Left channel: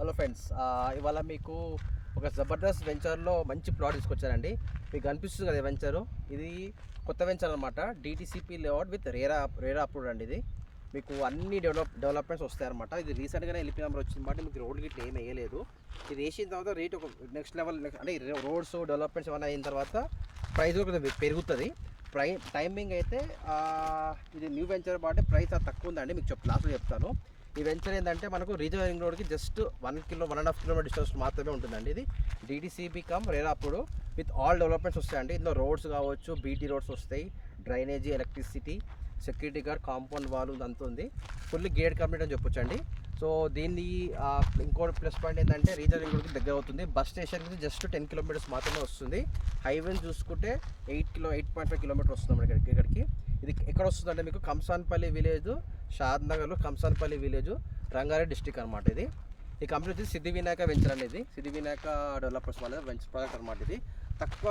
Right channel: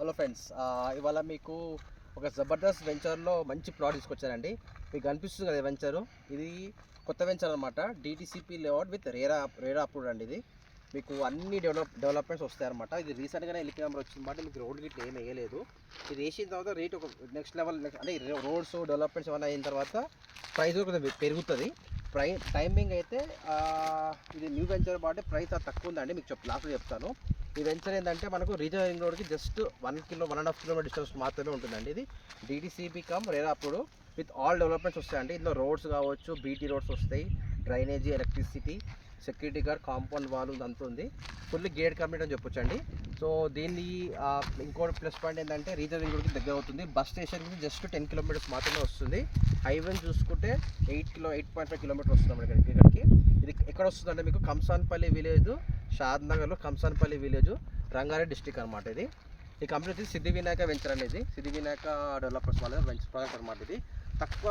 Hello friends, ఇవాళ మీకు ఒక జబర్దస్త్ వెంచర్లో మంచి ప్లాట్ తీసుకొచ్చానండి. మీకు కనిపిస్తుంది కదా వెంచరు, ఇది కొత్త వెంచర్ అనమాట. DTCP layout with RERA approved అండి. ఇది మీకు అన్ని డెవలప్మెంట్స్ వస్తాయన్నమాట. ఇది రీసెంట్గానే ఎల్పీ నెంబర్ వచ్చింది మాట. మీకు రోడ్లు గిట్ల ఏం వేయలేదు. ఇది వేసిన తర్వాత రేట్ ఒక నెక్స్ట్ లెవెల్, అంటే రోడ్స్ డెవలప్మెంట్స్ ఏమైనా అయిన తర్వాత ప్రైస్ కూడా పెరుగుతుంది. టైమింగ్ అయితే ఇది న్యూ వెంచర్ కాబట్టి ప్రైస్ తక్కువ ఉందండి. మీకు లాస్ట్లో చెప్తాను. ఈ వెంచర్ ఏంటంటే మనకు రీజనల్ రింగ్ రోడ్కి జస్ట్ 1.5 కిలోమీటర్ డిస్టెన్స్ మాత్రమే ఉంటుందండి. ఇది డిటిసిపి కమ్ రేరా అప్పుడు విత్ ఆల్ డెవలప్మెంట్స్ వస్తాయండి. ఇందులో రోడ్స్ కావచ్చు, బీటీ రోడ్స్ వస్తాయి, drainage, electricity, security guard, compound wall అంతా ఉంది. ఫుల్లీ గేట్ కంప్లీట్ అని చెప్పొచ్చండి. సో దీన్ని ఇంకోటి ప్లస్ పాయింట్ ఏంటంటే రీజనల్ రింగ్ రోడ్కి దగ్గర అవుతుంది. బస్ స్టేషన్కి జస్ట్ 10 కిలోమీటర్స్ మాత్రమే వస్తుంది. హైవేని చూసుకుంటే 8.5 కిలోమీటర్ వస్తుంది మనకి ఇక్కడికి. ఇది ఎక్కడ వస్తుందంటే మీకు కంసాన్పల్లి విలేజ్, షాద్నగర్లో కంసాన్పల్లి విలేజ్, రంగారెడ్డి డిస్టిక్ అనమాట. ఇది ఈ కంపెనీ వచ్చి సిద్ధి వినాయక వెంచర్ అనేది, సిద్ధి వినాయక డెవలపర్స్ వాళ్ళ వెంచర్ ప్రాజెక్ట్ అనమాట. ఇది తక్కువ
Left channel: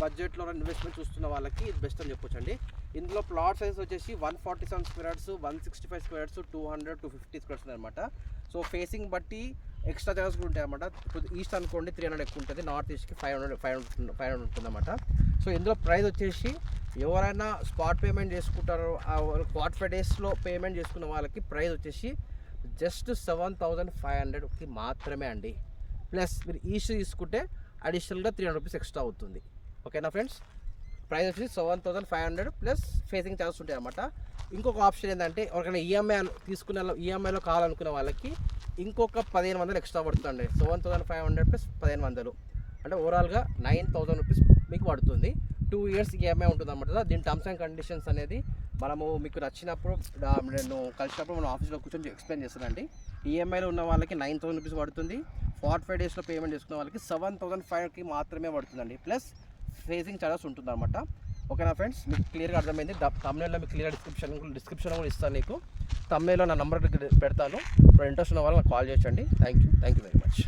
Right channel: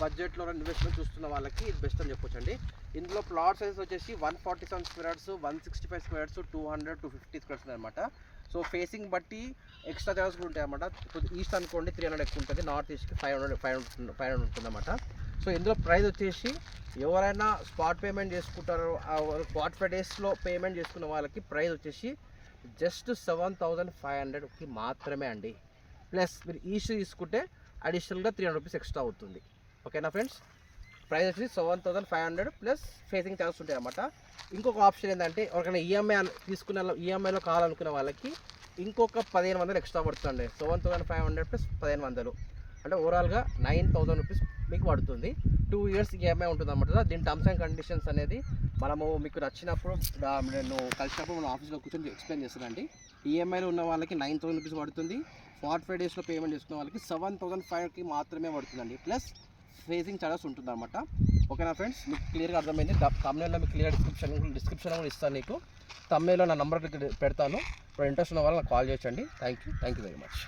బడ్జెట్లో ఇన్వెస్ట్మెంట్ చూస్తున్న వాళ్ళకి ఇది బెస్ట్ అని చెప్పొచ్చండి. ఇందులో ప్లాట్ సైజ్ వచ్చేసి 147 square yards, 165 square yards, 200 to 50 square yards అనమాట. సో ఫేసింగ్ బట్టి ఎక్స్ట్రా చార్జెస్ కూడా ఉంటాయి అన్నమాట. ఇప్పుడు ఈస్ట్ అనుకోండి 300 ఎక్కువ ఉంటుంది, నార్త్ ఈస్ట్కి 500 ఉంటుంది అన్నమాట. సో ఇందులో ప్రైస్ వచ్చేసి ఎవరైనా స్పాట్ పేమెంట్ చేసుకుంటారో 45 డేస్లో పేమెంట్ చేసుకున్న వాళ్ళకి ప్రైస్ వచ్చేసి జస్ట్ 7,500కి మాత్రమే అండి. ప్లస్ మీరు ఈస్ట్ తీసుకుంటే అడిషనల్గా 300 రూపీస్ ఎక్స్ట్రా అవుతుంది. ఓకేనా ఫ్రెండ్స్? ప్రైస్ వచ్చి 7,500 ప్లస్ ఫేసింగ్ ఛార్జెస్ ఉంటాయి అన్నమాట. ఇంకొక ఆప్షన్ ఏంటంటే ఎవరికైనా ఈఎంఐలో కావాలనుకునే వాళ్ళకి ఇంకొక 1,500 ఎక్స్ట్రా పడుతుంది. 7,500 ప్లస్ 1,500 అంటే ఓవరాల్గా 9,000 రూపీస్ మీకు పడుతుంది. 2 years ఈఎంఐ ఉంటుంది అన్నమాట. దీని టర్మ్స్ అండ్ కండిషన్స్ అనేది మనము మీకు నచ్చినప్పుడు నేను కలిసినప్పుడు మనం ఆఫీస్లో కూర్చొని ఎక్స్ప్లెయిన్ చేస్తానండి. ఈఎంఐలో ఉన్న వాళ్ళకి 9,000 రూపీస్ పడుతుంది. 45 డేస్లో పేమెంట్ చేసుకున్న వాళ్ళకి 7,500కి మాత్రమే పడుతుందండి. ప్లస్ ఫేసింగ్ ఛార్జెస్ ఉంటుంది అనమాట. ఓకేనా ఫ్రెండ్స్? మీకు క్లియర్గా అర్థమైంది. తమ్నైల్లో మీకు క్లియర్ డిస్క్రిప్షన్ కూడా ఇస్తాను. నీకు తమ్నైల్లో నా నెంబర్ పెడతాను. ఇప్పుడు ఇంట్రెస్ట్ ఉన్న వాళ్ళు నాకు కాల్ చేయొచ్చండి. Thank you very much.